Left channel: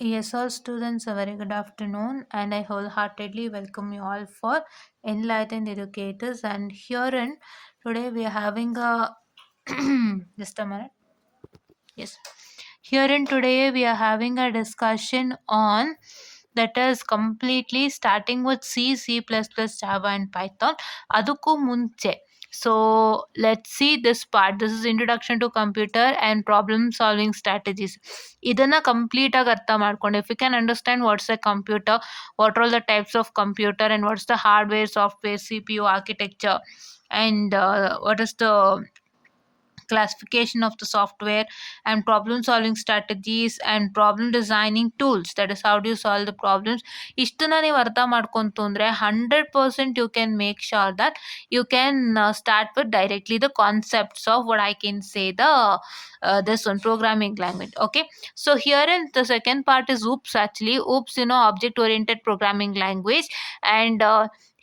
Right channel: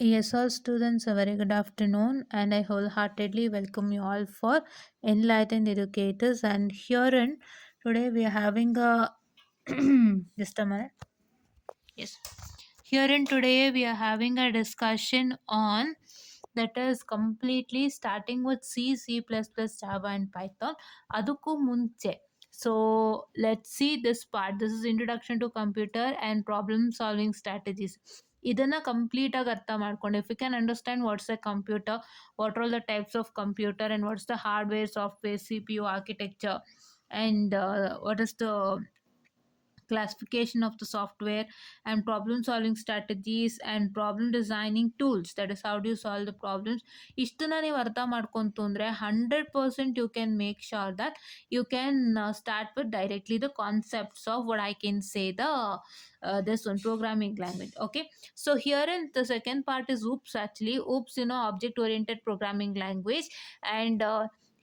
Yes, all students, a very good afternoon, and I wholeheartedly welcome you all for Enlightened Educators. And herein, today we are having a just a minute. Yes, herein today we are having a discussion on that is completely starting with C, C++, Java, and Python. ಅದಕ್ಕೂ ಮುಂಚೆ so let's see this part. This is introduction to computer and problem solving strategies. ಇದನ್ನ ಕಂಪ್ಲೀಟ್ ಆಗಿ ಅರ್ಥ ಮಾಡ್ಕೊಂಡು if you can understand what's a computer, what are all the types of computer, and what's the hardware, software, CPU architecture, and what is the classification of the software, and problem solving strategies and problem designing tools, that is how do you solve the problems. ಇಷ್ಟನ್ನ ನೀವು ಅರ್ಥ ಮಾಡ್ಕೊಂತು ಅಂದರೆ 100% you can make sure that you can start with directly the concepts of what I can say the this one programming language. Okay, so here in the second part is oops. Actually oops, object oriented programming language. And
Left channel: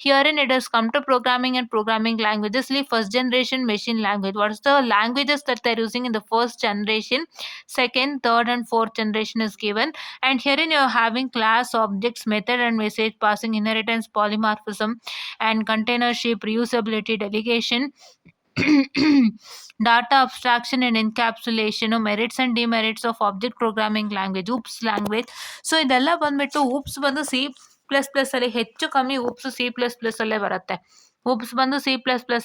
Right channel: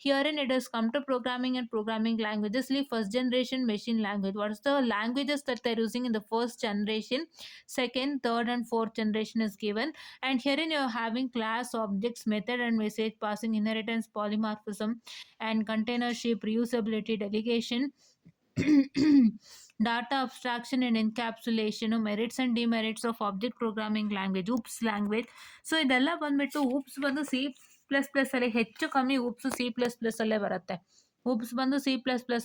herein it has come to programming and programming languages. Like first generation machine language. What is the languages that they're using in the first generation? Second, third, and fourth generation is given. And herein you're having class, objects, method, and message passing, inheritance, polymorphism, and containership, reusability, delegation, data abstraction and encapsulation, merits and demerits of object programming language, oops language. So ಇದೆಲ್ಲ ಬಂದ್ಬಿಟ್ಟು oops ಬಂದು C++ ಅಲ್ಲಿ ಹೆಚ್ಚು ಕಮ್ಮಿ oops C++ ಅಲ್ಲೇ ಬರುತ್ತೆ. oops ಬಂದು C++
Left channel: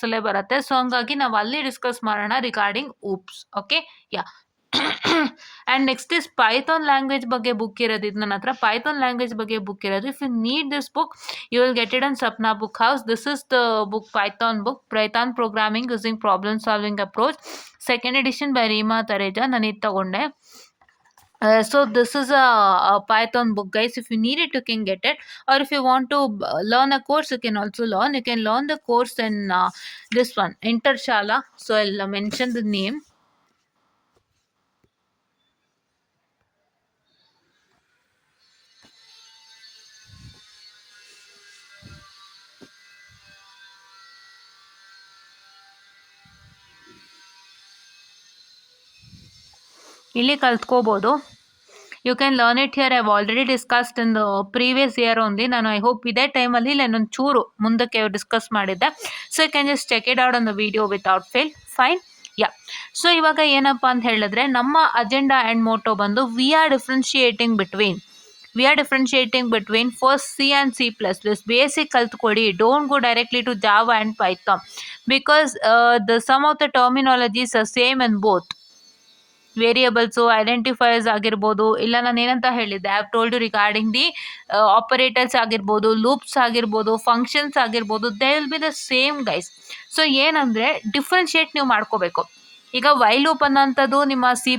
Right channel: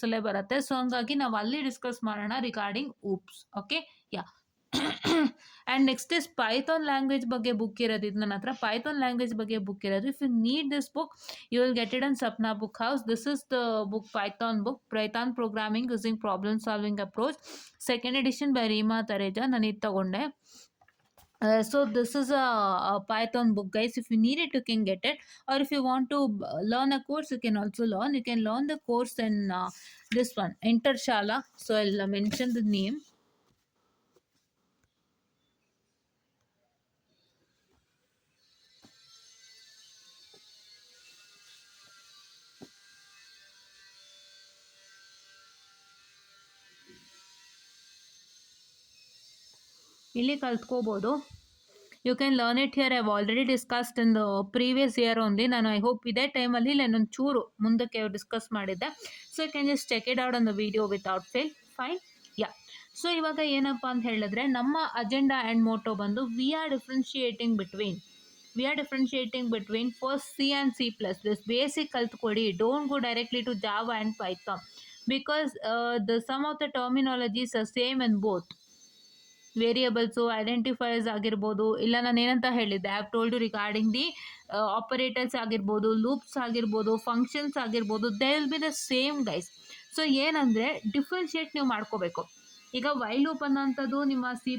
ಅಲ್ಲೇ ಬರುತ್ತೆ. ಸೊ ಹಂಗಾಗಿ ನಾವು ಅಲ್ಲಿ ಡಿಸ್ಕಸ್ ಮಾಡೋಣ regarding oops. Okay, yeah. And next is Python language ಬಗ್ಗೆ ಬುಕ್ ಇರೋದು. ಇದು ನನ್ನ ಹತ್ರ ಪೈಥಾನ್ ಲ್ಯಾಂಗ್ವೇಜ್ ಬಗ್ಗೆ ಬುಕ್ ಇರೋದು. If you need this book you will get it on Sapna Book House. This is the book, Python book, Python Programming Using Problem Solving Approach, second edition by Reema Tareja. ನಾನು ಇದು ತಗೊಂಡೆ. So this is a Python book, guys. If you need it, you can get it. Or if you want to learn a course, you can also learn. You can learn the course in this one, Intershala. So I'll mention the name. ಇಲ್ಲಿ ಕಲ್ತ್ಕೋಬೋದು. You can learn it here. I have already discussed in the previous year only. ನಾನು I hope ಇದೇ ಟೈಮಲ್ಲಿ ನಾನೊಂದು ಚೂರು ಮುಂದಕ್ಕೆ discuss ಮಾಡಿದ್ದೆ. So you can just check it out on the video without fail. Fine, yeah. So ಇವಾಗ ಏನಪ್ಪ ಅಂತ ಹೇಳಿದ್ರೆ ನಮ್ಮ ಅಜೆಂಡಾ ಆ್ಯಂಡ್ ಮೋಟೋ ಬಂದು we are differentiating between first C and C++. Basic ಕಲ್ತ್ಕೊಡಿ. Don't go directly to Java and Python because the some of the terminologies are same in both. Variables, identifiers ಆಗಿರ್ಬೋದು, ಇಲ್ಲ ನಾನು ಏನಂತ ಹೇಳಿದ್ದೆ, I have told you regarding the operators ಆಗಿರ್ಬೋದು, loops ಆಗಿರ್ಬೋದು, functions ಆಗಿರ್ಬೋದು, they will be the same guys. So ಏನಂದರೆ differentiate ನೀವು ಮಾಡ್ಕೋಬೇಕು. ಈಗ ವೈ ಲೂಪ್ ಅನ್ನೋಂಥದ್ದು ನಿಮ್ಮ C++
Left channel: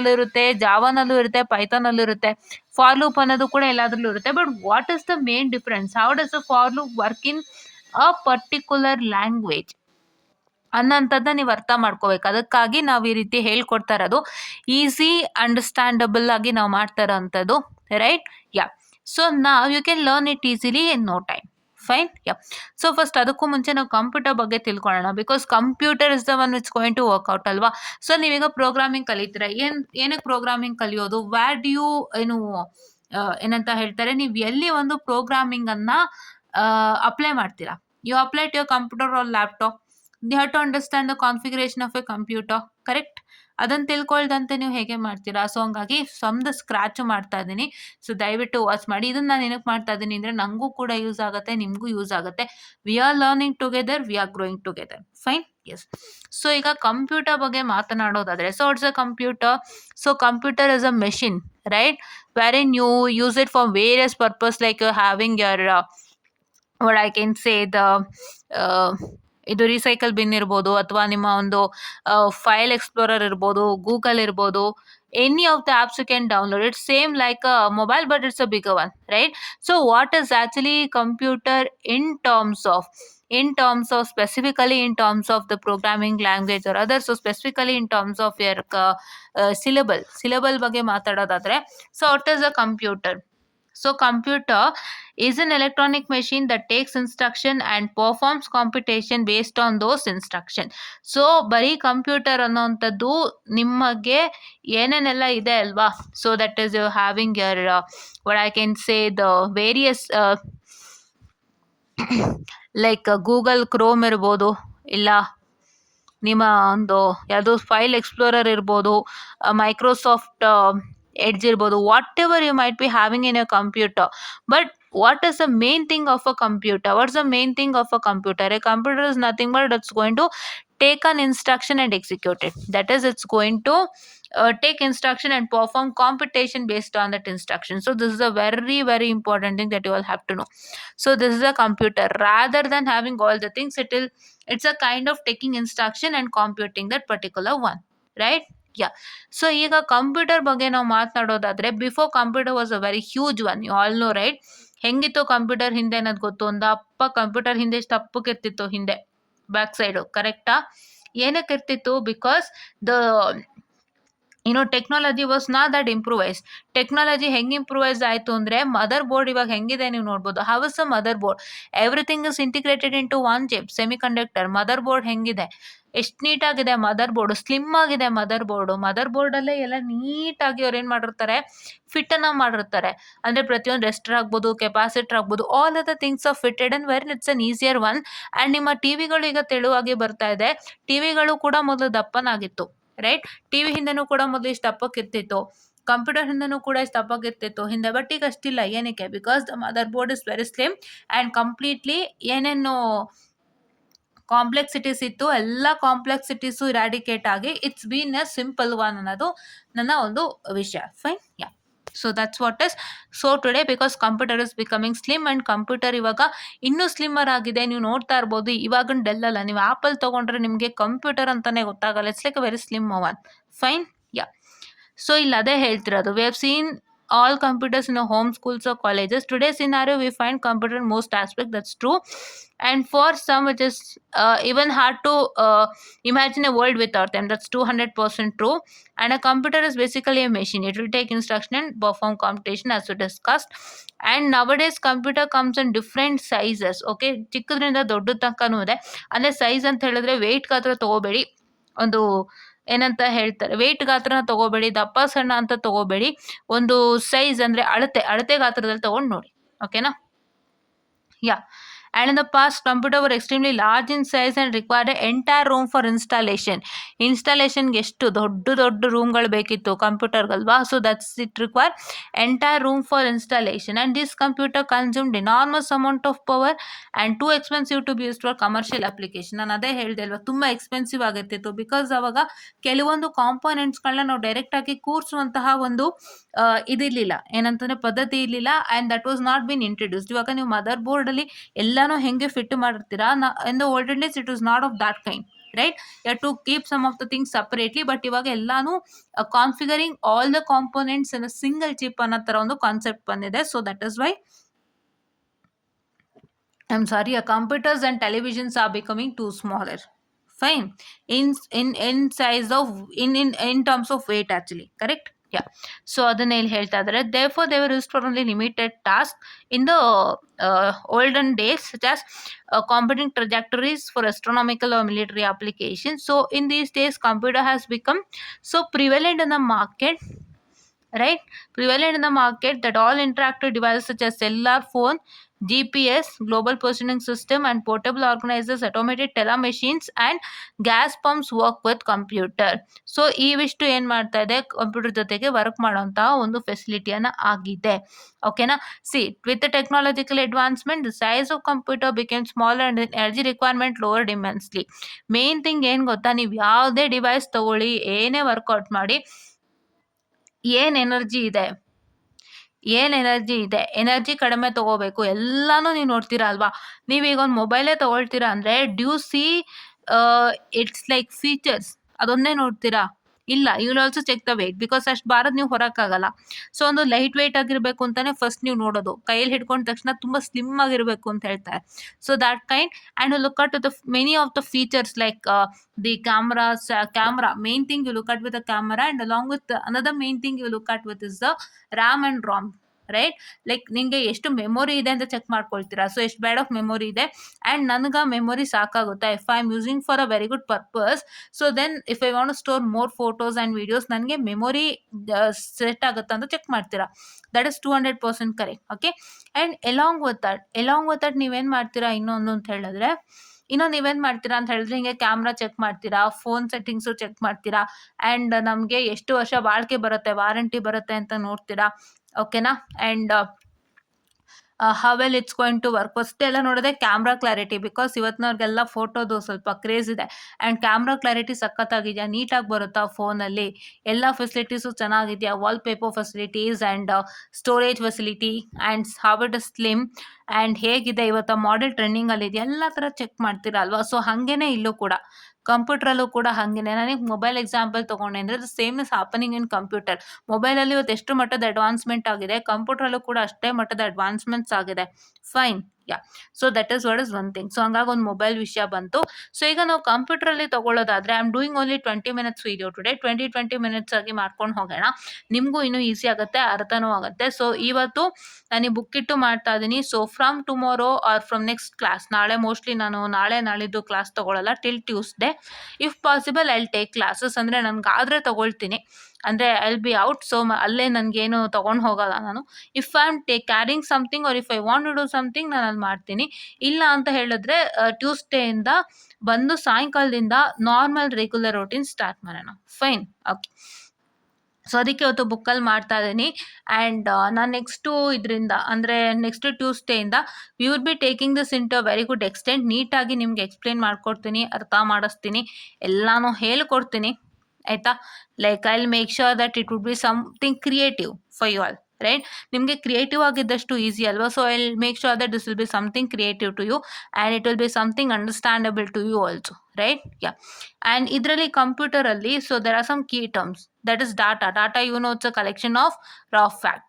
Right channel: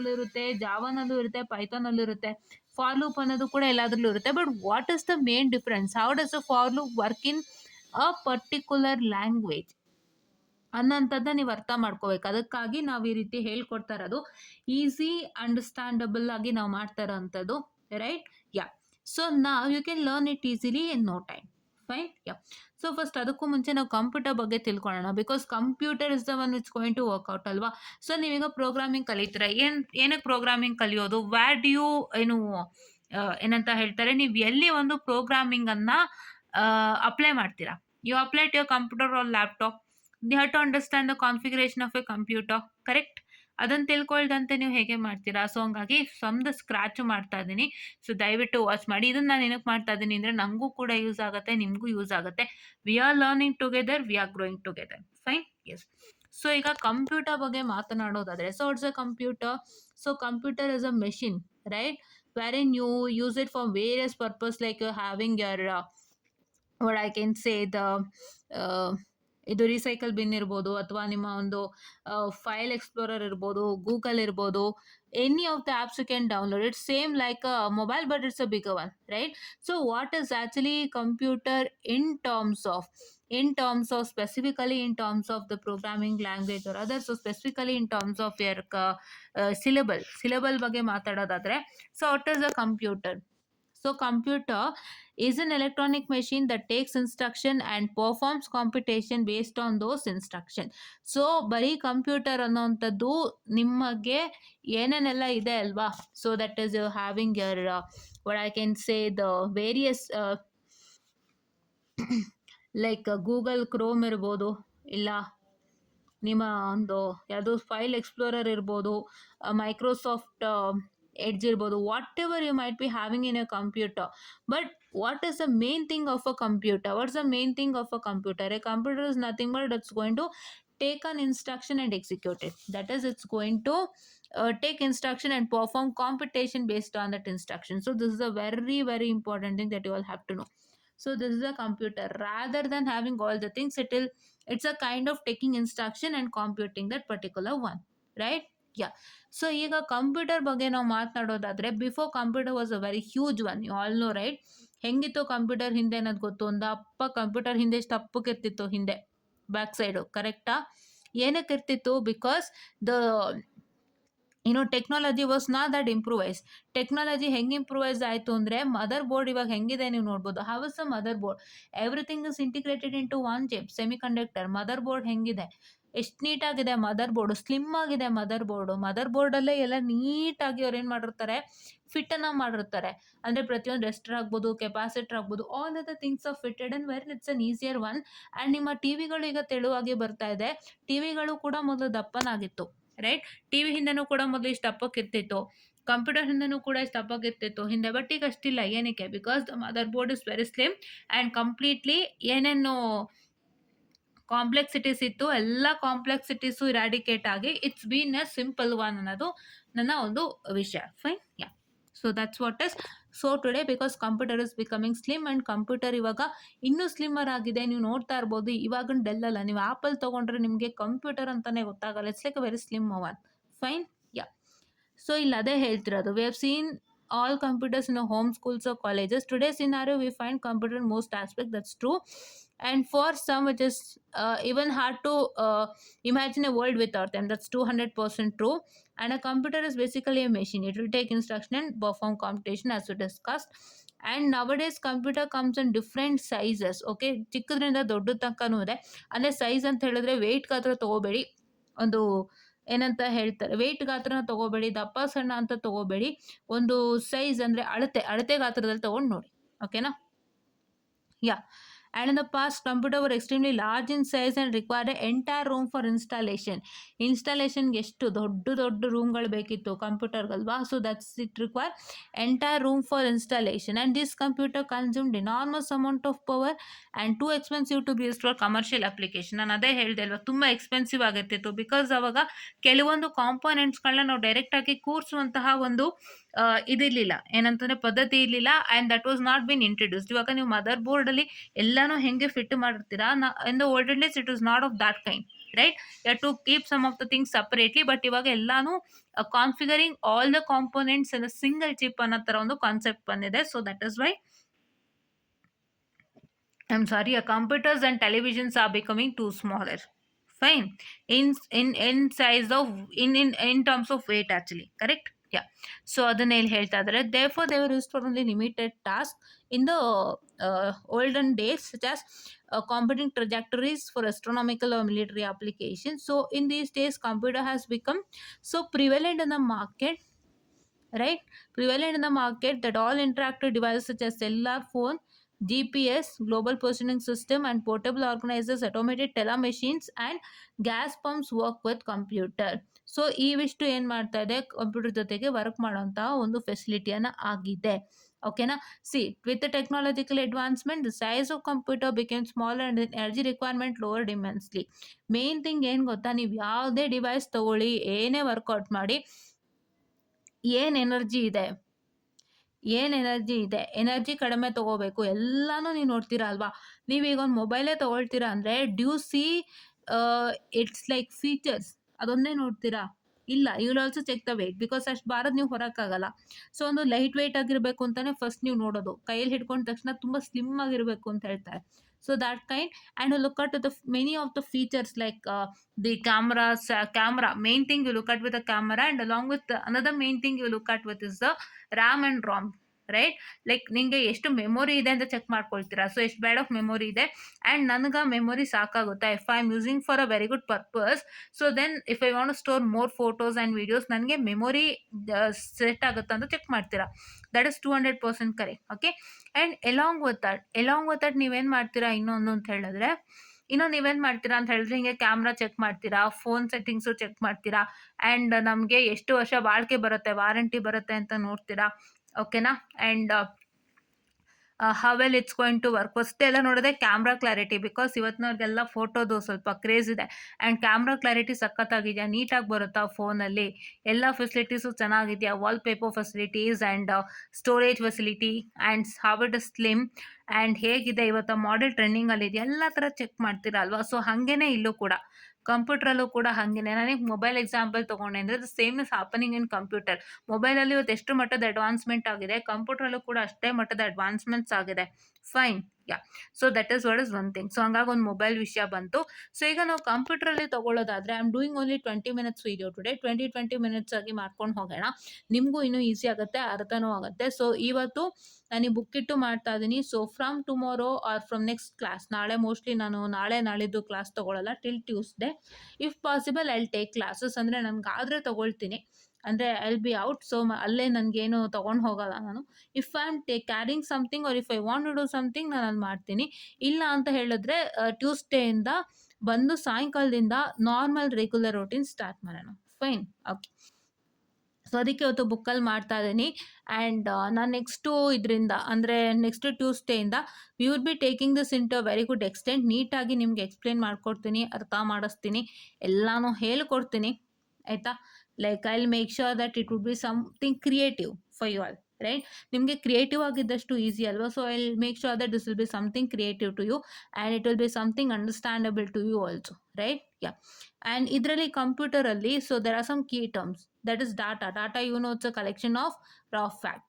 ಅಲ್ಲೂ ಇರುತ್ತೆ, ಜಾವಾನಲ್ಲೂ ಇರುತ್ತೆ, ಪೈಥಾನಲ್ಲೂ ಇರುತ್ತೆ. ಫಾರ್ ಲೂಪ್ ಅನ್ನೋದು ಕೂಡ ಎಲ್ಲದರಲ್ಲೂ ಇರುತ್ತೆ. But what is the main difference? How does the for loop work in a particular language ಅನ್ನೋಂಥದ್ದನ್ನ ನೀವು ಅರ್ಥ ಮಾಡ್ಕೋಬೇಕು. ಅದಕ್ಕಾಗಿ ನಾವು ಈ ರೀತಿ ಹೇಳ್ಕೊಡ್ತಾ ಇರೋದು. ಈಸಿ ಅಂಡರ್ಸ್ಟ್ಯಾಂಡಬಲ್ ಆಗಿ ನಾವು ಮಾಡ್ತಾ ಇರೋಂಥದ್ದು, ರೈಟ್? ಯಾ. ಸೊ ನಾವು you can learn it easily in no time. Fine, yeah. So first ಅದಕ್ಕೂ ಮುಂಚೆ ನಾವು ಕಂಪ್ಯೂಟರ್ ಬಗ್ಗೆ ತಿಳ್ಕೊಳ್ಳೋಣ. Because computer is the one which going to work out ಅಲ್ವಾ. ಸೊ ನೀವೀಗ ಪ್ರೋಗ್ರಾಮಿಂಗ್ ಕಲಿತೀರಾ. ಏನಕ್ಕೆ ಪ್ರೋಗ್ರಾಮಿಂಗ್ ಕಲಿಯೋದು? ವ್ಯಾರ್ ಡು ಯು ಏನಂತ ಹೇಳ್ತಾರೆ, ನೀವು ಎಲ್ಲಿ ಒಂದು ಪ್ರೋಗ್ರಾಮಿಂಗನ್ನು ಅಪ್ಲೈ ಮಾಡ್ತೀರಾ? You apply to your computer or laptop. you have to understand the configuration of a computer, correct? ಅದನ್ನು ತಿಳ್ಕೊಳ್ದಂತೆ ನೀವು ಹೇಗೆ ಮಾಡ್ತೀರಾ? ಸೊ ಹಂಗಾಗಿ ಫ್ರಮ್ ಸ್ಕ್ರ್ಯಾಚು ಮಾಡ್ತಾ ಇದ್ದೀನಿ. ಸೊ ದಯವಿಟ್ಟು ವಾಚ್ ಮಾಡಿ. ಇದನ್ನು ನಾನು ಏನಕ್ಕೆ ಮಾಡ್ತಾ ಇದ್ದೀನಿ ಅಂದರೆ ನನಗೂ ಕೂಡ ಯೂಸ್ ಆಗುತ್ತೆ, ನಿಮಗೂ ಯೂಸ್ ಆಗುತ್ತೆ. We are learning together, we are growing together. Fine, yes. So ಈಗ ಕಂಪ್ಯೂಟರ್ ಬಗ್ಗೆ ಮಾತನಾಡೋದಾದರೆ, so it's a computer. So computer is a machine, right? wherein you use it for various purpose, like you're having your what I can say the ಇದು recycle bin ಇರ್ಬೋದು, ಅಥವಾ ನಿಮ್ಮ ಒಂದು file explorer ಇರ್ಬೋದು, Google ಇರ್ಬೋದು. Any of the apps you can download it, same like a mobile but it's a bigger one, right? So what is actually computer in terms of specifically in terms of the programming language or others, so specifically in terms of your syllable ಬಗ್ಗೆ ಮಾತಾಡೋದಾದ್ರೆ, so what is a computer? So computer is an electronic machine that takes instruction and performs computation based on those instruction. So ಬರೀ computer ಅನ್ನೋಂಥದ್ದು ನಿಮಗೆ ಏನೇನೆಲ್ಲ ಇದೆ ಅಲ್ವಾ, so that is you having your what I can say the various like Google Chrome ಇರ್ಬೋದು, ಇಲ್ಲ ನಿಮ್ಮ ಒಂದು ಯಾವುದೋ ಫೈಲ್ ಎಕ್ಸ್ಪ್ಲೋರರ್ ಇರ್ಬೋದು, ಮೈಕ್ರೋಸಾಫ್ಟ್ ಎಡ್ಜ್ ಇರ್ಬೋದು, whatever you might be having in a computer. But what is the main thing of a computer? What's the main thing of a computer? A computer is nothing but it's going to take an instruction and execute it. That is, it's going to take instruction and perform computation based on that instruction. So this is a very very important thing that you all have to know. So this is a computer. Rather than having all the things, it's a kind of taking instruction and computing that particular one, right? Yeah. So ಈಗ computer ಬಗ್ಗೆ ನಾವು ಮಾತನಾಡೋದಾದ್ರೆ, before computer was a very huge one, you all know right. ಹೆಂಗಿತ್ತು computer ಹಿಂದೆ ಅನ್ನೋದು ಗೊತ್ತು? ಒಂದು ಅಪ್ಪ ಕಂಪ್ಯೂಟರ್ ಹಿಂದೆ ಎಷ್ಟು ಅಪ್ಪಕ್ಕಿರ್ತಿತ್ತು ಹಿಂದೆ ಬ್ಯಾಕ್ ಸೈಡು, ಕರೆಕ್ಟಾ? ಏನಕ್ಕೆ ಇರ್ತಿತ್ತು? Because the technology was not that improvise. Technology ಹೆಂಗೆ ಇಂಪ್ರೂವೈಸ್ ಆಯಿತು ಅಂದರೆ, ಮದರ್ ಬೋರ್ಡ್ ಇವಾಗ ಹೆಂಗಿದೆ ನೀವು ನೋಡ್ಬೋದು. How is a motherboard? Everything is integrated into one chip, semiconductor. Motherboard ಹೆಂಗಿದೆ? ಎಷ್ಟು ನೀಟಾಗಿದೆ ಮದರ್ ಬೋರ್ಡು, ಸ್ಲಿಮ್ ಆಗಿದೆ ಮದರ್ ಬೋರ್ಡು. ಮದರ್ ಬೋರ್ಡಲ್ಲೇ ಎಲ್ಲ ನೀಟಾಗಿ ಅವ್ರು ಏನು ಮಾಡಿರ್ತಾರೆ, ಫಿಟ್ಟನ್ನು ಮಾಡಿರ್ತಾರೆ. ಅಂದರೆ ಪ್ರತಿಯೊಂದು ರೆಸ್ಟರ್ ಆಗ್ಬೋದು, ಕೆಪಾಸಿಟರ್ ಆಗ್ಬೋದು, all are the things are fitted and where it's an easier one. And ನಿಮ್ಮ ಟಿ ವಿಗಳು ಈಗ ತೆಳುವಾಗಿ ಬರ್ತಾ ಇದೆ. ಟಿ ವಿಗಳು ಕೂಡ ಮೊದಲು ದಪ್ಪನಾಗಿತ್ತು, ರೈಟ್? ಟಿ ವಿ ಹಿಂದೆನೂ ಕೂಡ ಮೊದಲು ಇಷ್ಟು ದಪ್ಪಕ್ಕಿರ್ತಿತ್ತು, ಕಂಪ್ಯೂಟರ್ ಹಿಂದೆನೂ ಕೂಡ ಇಷ್ಟು ದಪ್ಪಕ್ಕಿರ್ತಿತ್ತು ಹಿಂದೆ. ಬಟ್ ಈಗ ಅಷ್ಟಿಲ್ಲ. ಏನಕ್ಕೆ? Because the mother board is very slim and completely ಏನೇನು ಕಾಂಪ್ಲೆಕ್ಸಿಟೀಸ್ ಇತ್ತು ಎಲ್ಲ ಕಾಂಪ್ಲೆಕ್ಸಿಟೀಸು ಇರಾಡಿಕೇಟ್ ಆಗಿ it's been a simple one ಅನ್ನೋದು ನನ್ನ ಒಂದು ವಿಷಯ. Fine, yeah. So that's what is. So today because computer is becoming slim and computer ಇವಾಗ ಇನ್ನೂ ಸ್ಲಿಮ್ಮರ್ ಆಗಿದೆ. ನೀವು ನೋಡ್ತಾ ಇರ್ಬೋದು, ಇವಾಗಿನ ಡೆಲ್ ಅಲ್ಲ, ನೀವು ಆ್ಯಪಲ್ ತೊಗೊಂಡ್ರೆ ನಿಮಗೆ ಕಂಪ್ಯೂಟರ್ ಅಂತಲೇ ಗೊತ್ತಾಗಲ್ಲ. It's like a very slim one. Fine, yeah. So ಇಲ್ಲಿ ಅದೇ ಹೇಳ್ತಿರೋದು, we have seen all computers in our home schools or colleges. Today's scenario, we find computer in most aspects. That's true. And for some, it is even hard to imagine a world without them. That's 200% true. And a computer is basically a machine. It will take instruction and perform computation as we discussed. And nowadays, computer comes in different sizes. Okay, ಚಿಕ್ಕದ್ರಿಂದ ದೊಡ್ಡ ತನಕನೂ ಇದೆ. ಅಂದರೆ ಸೈಜ್ ಅಂತ ಹೇಳಿದ್ರೆ ವೆಯ್ಟ್ ಗಾತ್ರ ತೊಗೋಬೇಡಿ, ಒಂದು ಏನಂತ ಹೇಳ್ತಾರೆ, ವೆಯ್ಟ್ ಗಾತ್ರನ ತೊಗೋಬೇಡಿ, ದಪ್ಪ ಸಣ್ಣ ಅಂತ ತೊಗೋಬೇಡಿ. ಒಂದು ಸೈಜ್ ಅಂದರೆ ಅಳತೆ ಗಾತ್ರದಲ್ಲಿ ತೊಗೊಂಡು ನೋಡಿ, ಓಕೆನಾ? ಯಾ. And in the past, computer were extremely large in size and required an entire room for installation. ಇನ್ಸ್ಟಾಲೇಷನ್ಗೆ ಎಷ್ಟು ದೊಡ್ಡ ರೂಮ್ಗಳು ಬೇಕಿತ್ತು ಕಂಪ್ಯೂಟರ್ಗಲ್ವಾ? So that's it require entire room for installation. And this computer consumed enormous amount of power and too expensive to be used for commercial application. ನಾನು ಅದೇ ಹೇಳಿದೆ ಅಲ್ವಾ, ತುಂಬ ಎಕ್ಸ್ಪೆನ್ಸಿವ್ ಆಗಿರ್ತಿತ್ತು. ಬಿಕಾಸ್ ಅವಾಗ ಕೆಲವೊಂದು ಕಾಂಪೋನೆಂಟ್ಸ್ಗಳನ್ನ ನಾವು ಡೈರೆಕ್ಟಾಗಿ ಕೂರಿಸುವಂತಹ ಒಂದು ಇದಿರಲಿಲ್ಲ, ಏನಂತಂದರೆ ಪದ್ಧತಿ ಇರಲಿಲ್ಲ. And that was not been introduced. ಇವಾಗ ನೀವು ಮದರ್ ಬೋರ್ಡಲ್ಲಿ ಎಲ್ಲನೂ ಹೆಂಗೆ ಫಿಟ್ ಮಾಡಿರ್ತೀರಾ, in the olden days it was not of that kind, right? You have to keep some of the things separately. But ಇವಾಗ ಎಲ್ಲಾನು configuring all the components in a single chip ಅನ್ನೋ ಥರ ಒಂದು concept ಬಂದಿದೆ. So that is why computers and televisions are becoming too smaller. Fine. In size of in terms of weight actually, correct? Yeah. So ಅದನ್ನ ಏನು ಹೇಳ್ತಾ ಇದ್ದಾರೆ, therefore they were used for only limited tasks in the olden days, such as computing trajectories for astronomical or military applications. So in these days, computer has become so prevalent in the market, right? Prevalent in the market that all interactive devices such as cellular phone, GPS, global positioning system, and portable organizers, automated teller machines, and gas pumps work with computer. So ಇವಿಷ್ಟು ಏನು ಮಾಡ್ತಾ ಇದೆ, ಕಂಪ್ಯೂಟರ್ ಜೊತೆಗೆ ವರ್ಕ್ ಮಾಡೋಂತಹ ಒಂದು ಫೆಸಿಲಿಟಿಯನ್ನು ಆಗಿದೆ, ಓಕೆನಾ? C, with the technological advancement the size of computer became smaller and energy requirement lowered immensely. Main thing ಏನು ಗೊತ್ತಾ, ನೀವು ಯಾವುದೇ ಡಿವೈಸ್ ತಗೊಳ್ಳಿ, ಏನೇ ವರ್ಕೌಟ್ ಮಾಡಿ, ಏನು ಎನರ್ಜಿ ಇದೆ, ಎನರ್ಜಿ ಕಡಿಮೆ ತೊಗೋಬೇಕು. ಎಲ್ಲನೂ ನೀವು ನೋಡ್ತೀರಾ ಅಲ್ವಾ? ನೀವೀಗ ಒಂದು ಮೊಬೈಲೇ ತೊಗೊಳ್ತೀರಾ ಅಂದರೆ do you see it's like features, ಅದೊಂದೇ ನೋಡ್ತೀರಾ? ಇಲ್ಲ, you will also check the weight. Because ಅಷ್ಟು ಭಾರತ್ ನೀವು ಹೊರಕ್ಕಾಗಲ್ಲ. ಸೊ ಒಂದು ಲೈಟ್ ವೆಯ್ಟ್ ಆಗಿರಬೇಕು ಅಂತಲೇ ಫಸ್ಟ್ ನೀವು ನೋಡೋದು. ಕೈಯಲ್ಲಿ ಹಿಡ್ಕೊಂಡ ತಕ್ಷಣ ತುಂಬ ಸ್ಲಿಮ್ ಆಗಿರಬೇಕು ಅಂತ ಹೇಳ್ತಾರೆ. So that kind. And you look at the many of the features like the camera. Main thing you look at with the camera, and along with another main thing you look at with is the RAM and ROM. Right. Like ನಿಮಗೆ ಎಷ್ಟು memory ಇದೆ ಅಂತ check ಮಾಡ್ಕೊಳ್ತೀರಾ. So ಎಷ್ಟು bad of memory ಇದೆ and ನನಗೆ memory ಸಾಕಾಗುತ್ತಾ. If I am using for a very good purpose, so then if I want to store more photos and videos, ನನಗೆ ಮೆಮೊರಿ ಸೆಟ್ ಆಗುತ್ತಾ ಅಂತ ಚೆಕ್ ಮಾಡ್ತೀರಾ. That is 200% correct. Okay. And along with that ನೀವೇನು ಮಾಡ್ತೀರಾ ಇನ್ನೊಂದು ಅಂತ ಹೇಳಿದ್ರೆ, ನೀವೇನು ಮಾಡ್ತೀರಾ ಅಂತ ಹೇಳಿದ್ರೆ, ಹಿಂಗೆ ಕ್ಯಾಮ್ರಾ ಚೆಕ್ ಮಾಡ್ತೀರಾ, ಫೋನ್ ಸೆಟ್ಟಿಂಗ್ಸು ಚೆಕ್ ಮಾಡ್ತೀರಾ, ಆ್ಯಂಡ್ ನಮಗೆ ಎಷ್ಟು ವರ್ಷ ಬಾಳಿಕೆ ಬರುತ್ತೆ, ವಾರಂಟಿ ಬರುತ್ತೆ ಅಂತ ನೋಡ್ತೀರಾ. ಓಕೆನಾ. And how well it's going to work. First ಎಲ್ಲ ನೋಡೋದೆ ಕ್ಯಾಮ್ರಾ ಕ್ಲಾರಿಟಿ, ಬಿಕಾಸ್ ಇವತ್ತಿನವ್ರಿಗೆಲ್ಲ ಫೋಟೋದು ಸ್ವಲ್ಪ ಕ್ರೇಜ್ ಇದೆ. ಆ್ಯಂಡ್ ಕ್ಯಾಮ್ರಾ ಕ್ಲಾರಿಟಿ ಸಖತ್ತಾಗಿದೆಯಾ, ನೀಟಾಗಿ ಬರುತ್ತಾ ಫೋನಲ್ಲಿ, ಎಲ್ಲ ಫೆಸಿಲಿಟೀಸು ಚೆನ್ನಾಗಿದೆಯಾ, wall paper facilities and storage facility and how it is slim and ಹೇಗಿದೆ ಇವತ್ತು ಮಾಡೆಲ್ ಟ್ರೆಂಡಿಂಗಲ್ಲಿದೆ, ಎಲ್ಲ ಥರ ಚೆಕ್ ಮಾಡ್ತೀರಾ ಅಲ್ವಾ. ಸೊ ಹಾಗೇನೆ ಇಲ್ಲೂ ಕೂಡ ಕಂಪ್ಯೂಟ್ರಲ್ಲೂ ಕೂಡ ಹಾಗೇನೆ. ನನಗೆ ಮೊಬೈಲ್ ಎಕ್ಸಾಂಪಲ್ ತೊಗೊಂಡೆ ಅಂದರೆ the same is happening in computer. ಮೊಬೈಲಲ್ಲಿ ಇವತ್ತು ಎಷ್ಟು ಮಟ್ಟದ ಅಡ್ವಾನ್ಸ್ಮೆಂಟ್ ಆಗಿದೆ, ಕಂಪ್ಯೂಟ್ರಲ್ಲೂ ಕೂಡ ಅಷ್ಟೇ ಮಟ್ಟದ ಅಡ್ವಾನ್ಸ್ಮೆಂಟ್ಸ್ ಆಗಿದೆ. Fine. Yeah. So that is what is one thing. So ಹಂಗಾಗಿ ಒಂದು ಮೊಬೈಲ್ ವಿಷಯ ಬಂತು. ಸೊ ಈಗ ನಾವು ಕಂಪ್ಯೂಟ್ರಲ್ಲಿ ತಗೊಳ್ಳೋದಾದ್ರೆ, I am doing only 20 minutes video today. 20 minutes ಆಗಿ ಮಾಡ್ಕೊಂಡು ಹೋಗೋಣ, ನಿಮಗೂ ಇನ್ನೂ ಈಸಿ ಆಗುತ್ತೆ, ಅರ್ಥನೂ ಆಗುತ್ತೆ. ಸೊ ಇವತ್ತು ನಾನು ಬುಕ್ ಇಟ್ಟು ಮಾಡ್ತಾ ಇದ್ದೀನಿ. So from tomorrow or from next class, ನಾಳೆ ಮೋಸ್ಟ್ಲಿ ನಾನು ನಾಳಿದ್ದು ಕ್ಲಾಸ್ ತೊಗೊಳ್ಳಲ್ಲ till Tuesday. If possible I will take classes. ಅಂದರೆ ನನಗಾದರೆ ತೊಗೊಳ್ತೀನಿ, ಅಂದರೆ I will be out. So ಅಲ್ಲೇ ನನಗೇನು ತೊಗೊಂಡು ಹೋಗಲ್ಲ ನಾನು. If I am carrying something or if I want to do something, ನಾನು ಅಲ್ಲಿ ಮಾಡ್ತೀನಿ. ಇಲ್ಲ ಅಂತ ಹೇಳಿದ್ರೆ ಟ್ಯೂಸ್ಡೇಯಿಂದ ಬಂದು ಸಾಯಂಕಾಲದಿಂದ ನಾರ್ಮಲ್ ರೆಗ್ಯುಲರ್ ರೂಟೀನ್ ಸ್ಟಾರ್ಟ್ ಮಾಡೋಣ. ಫೈನ್. ಓಕೆ. ಸೊ ಅದಕ್ಕೆ ಇವತ್ತು ಬುಕ್ಕಲ್ಲಿ ಮಾಡ್ತಾ ಇದ್ದೀನಿ. ಆ್ಯಂಡ್ ನಾನು ಇದರಿಂದ ಅಂದರೆ ನೆಕ್ಸ್ಟ್ ಟ್ಯೂಸ್ಡೇಯಿಂದ we will be taking this in to a very good extent. ನೀಟಾಗಿ ನಿಮ್ಗೆ ಎಕ್ಸ್ಪ್ಲೇನ್ ಮಾಡ್ಕೊಡ್ತೀನಿ, ಅರ್ಥ ಮಾಡಿಸ್ತೀನಿ, ಎಲ್ಲನೂ ಹೇಳ್ಕೊಡ್ತೀನಿ. ಆಯಿತಾ. Like I will make sure that it would be something creative for you all. Right. ನಿಮಗೆ ಕ್ರಿಯೇಟಿವ್ ಆಗಿದ್ದಷ್ಟು ಈಸಿ ಅಲ್ವಾ. So I will make sure that this will be something creative to you and it will be something understandable to you also. Right. Yeah. And ಇದರಲ್ಲಿ ಕಂಪ್ಯೂಟರಲ್ಲಿ so there are some key terms. That is data. It's a collection of raw fact.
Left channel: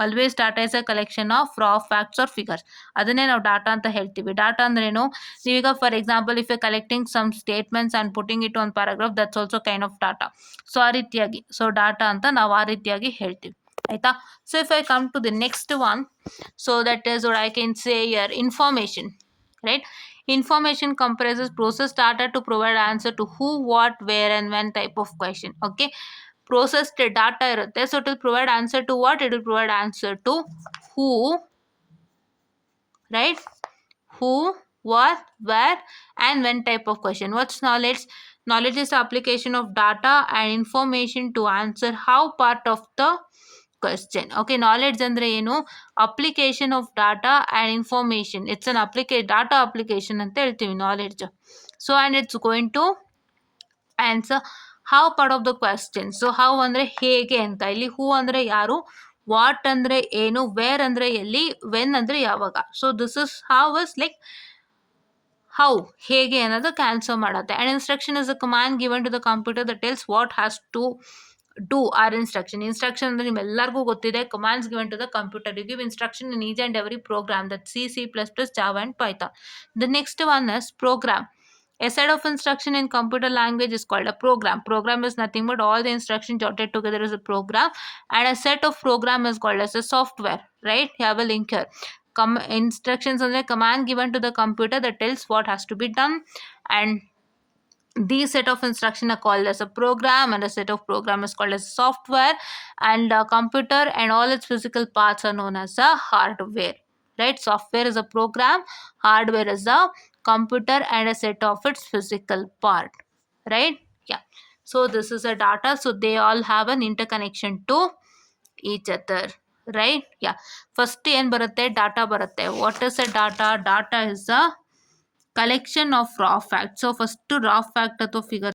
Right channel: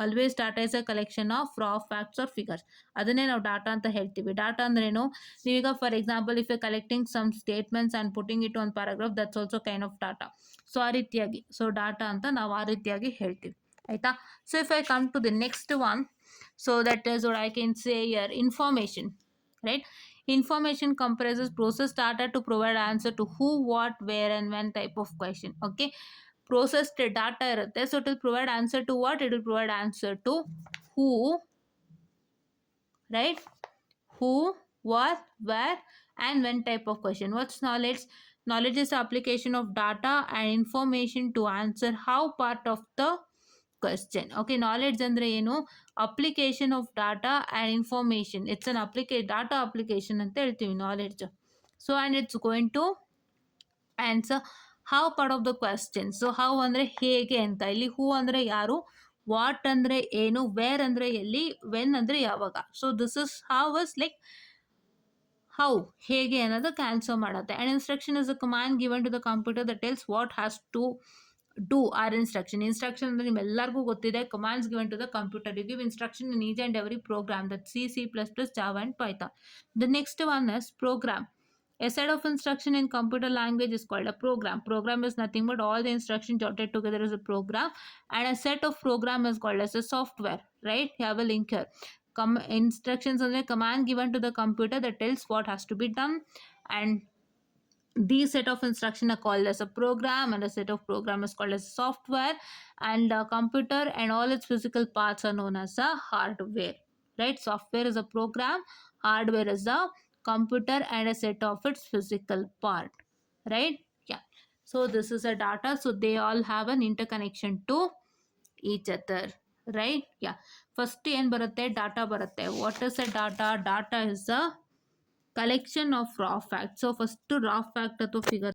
Always data is a collection of raw facts or figures. ಅದನ್ನೇ ನಾವು data ಅಂತ ಹೇಳ್ತೀವಿ. Data ಅಂದ್ರೇನು, ನೀವೀಗ for example if you collecting some statements and putting it on paragraph, that's also kind of data. So ಆ ರೀತಿಯಾಗಿ so data ಅಂತ ನಾವು ಆ ರೀತಿಯಾಗಿ ಹೇಳ್ತೀವಿ. ಆಯಿತಾ. So if I come to the next one, so that is what I can say your information. Right. Information comprises process data to provide answer to who, what, where and when type of question. Okay. Processed data irutte, so it will provide answer to what? It will provide answer to who, right? Who, what, where and when type of question. What's knowledge? Knowledge is the application of data and information to answer how part of the question. Okay. Knowledge andre ಏನು, application of data and information. It's an data application ಅಂತ ಹೇಳ್ತೀವಿ knowledge. So and it's going to answer how part of the question. So how ಅಂದರೆ ಹೇಗೆ ಅಂತ. ಇಲ್ಲಿ ಹೂ ಅಂದರೆ ಯಾರು, ವಾಟ್ ಅಂದರೆ ಏನು, ವೇರ್ ಅಂದರೆ ಎಲ್ಲಿ, ವೆನ್ ಅಂದರೆ ಯಾವಾಗ. So this is how is like how, ಹೇಗೆ ಅನ್ನೋದಕ್ಕೆ ಆನ್ಸರ್ ಮಾಡುತ್ತೆ. And instruction is a command given to the computer that tells what has to do or instruction. Instruction ಅಂದರೆ ನಿಮ್ಮೆಲ್ಲರಿಗೂ ಗೊತ್ತಿದೆ, commands given to the computer. You give instruction in each and every program, that C++, Java and Python. The next one is program. A set of instruction in computer language is called a program. Program is nothing but all the instructions jotted together is a program, and a set of program is called as a software. Right? You have a link here. Instructions are the command given to the computer that tells what has to be done, and these set of instruction are called as a program, and a set of program is called as software, and a computer and all its physical parts are known as a hardware. Right? Software is a program, hardware is a computer and a set of its physical part. Right? Yeah. So this is a data, so they all have an interconnection to each other. Right? Yeah. First ಏನು ಬರುತ್ತೆ, ಡಾಟಾ ಬರುತ್ತೆ. What is a data? Data is a collection of raw facts. So first raw fact ಅಥವಾ figure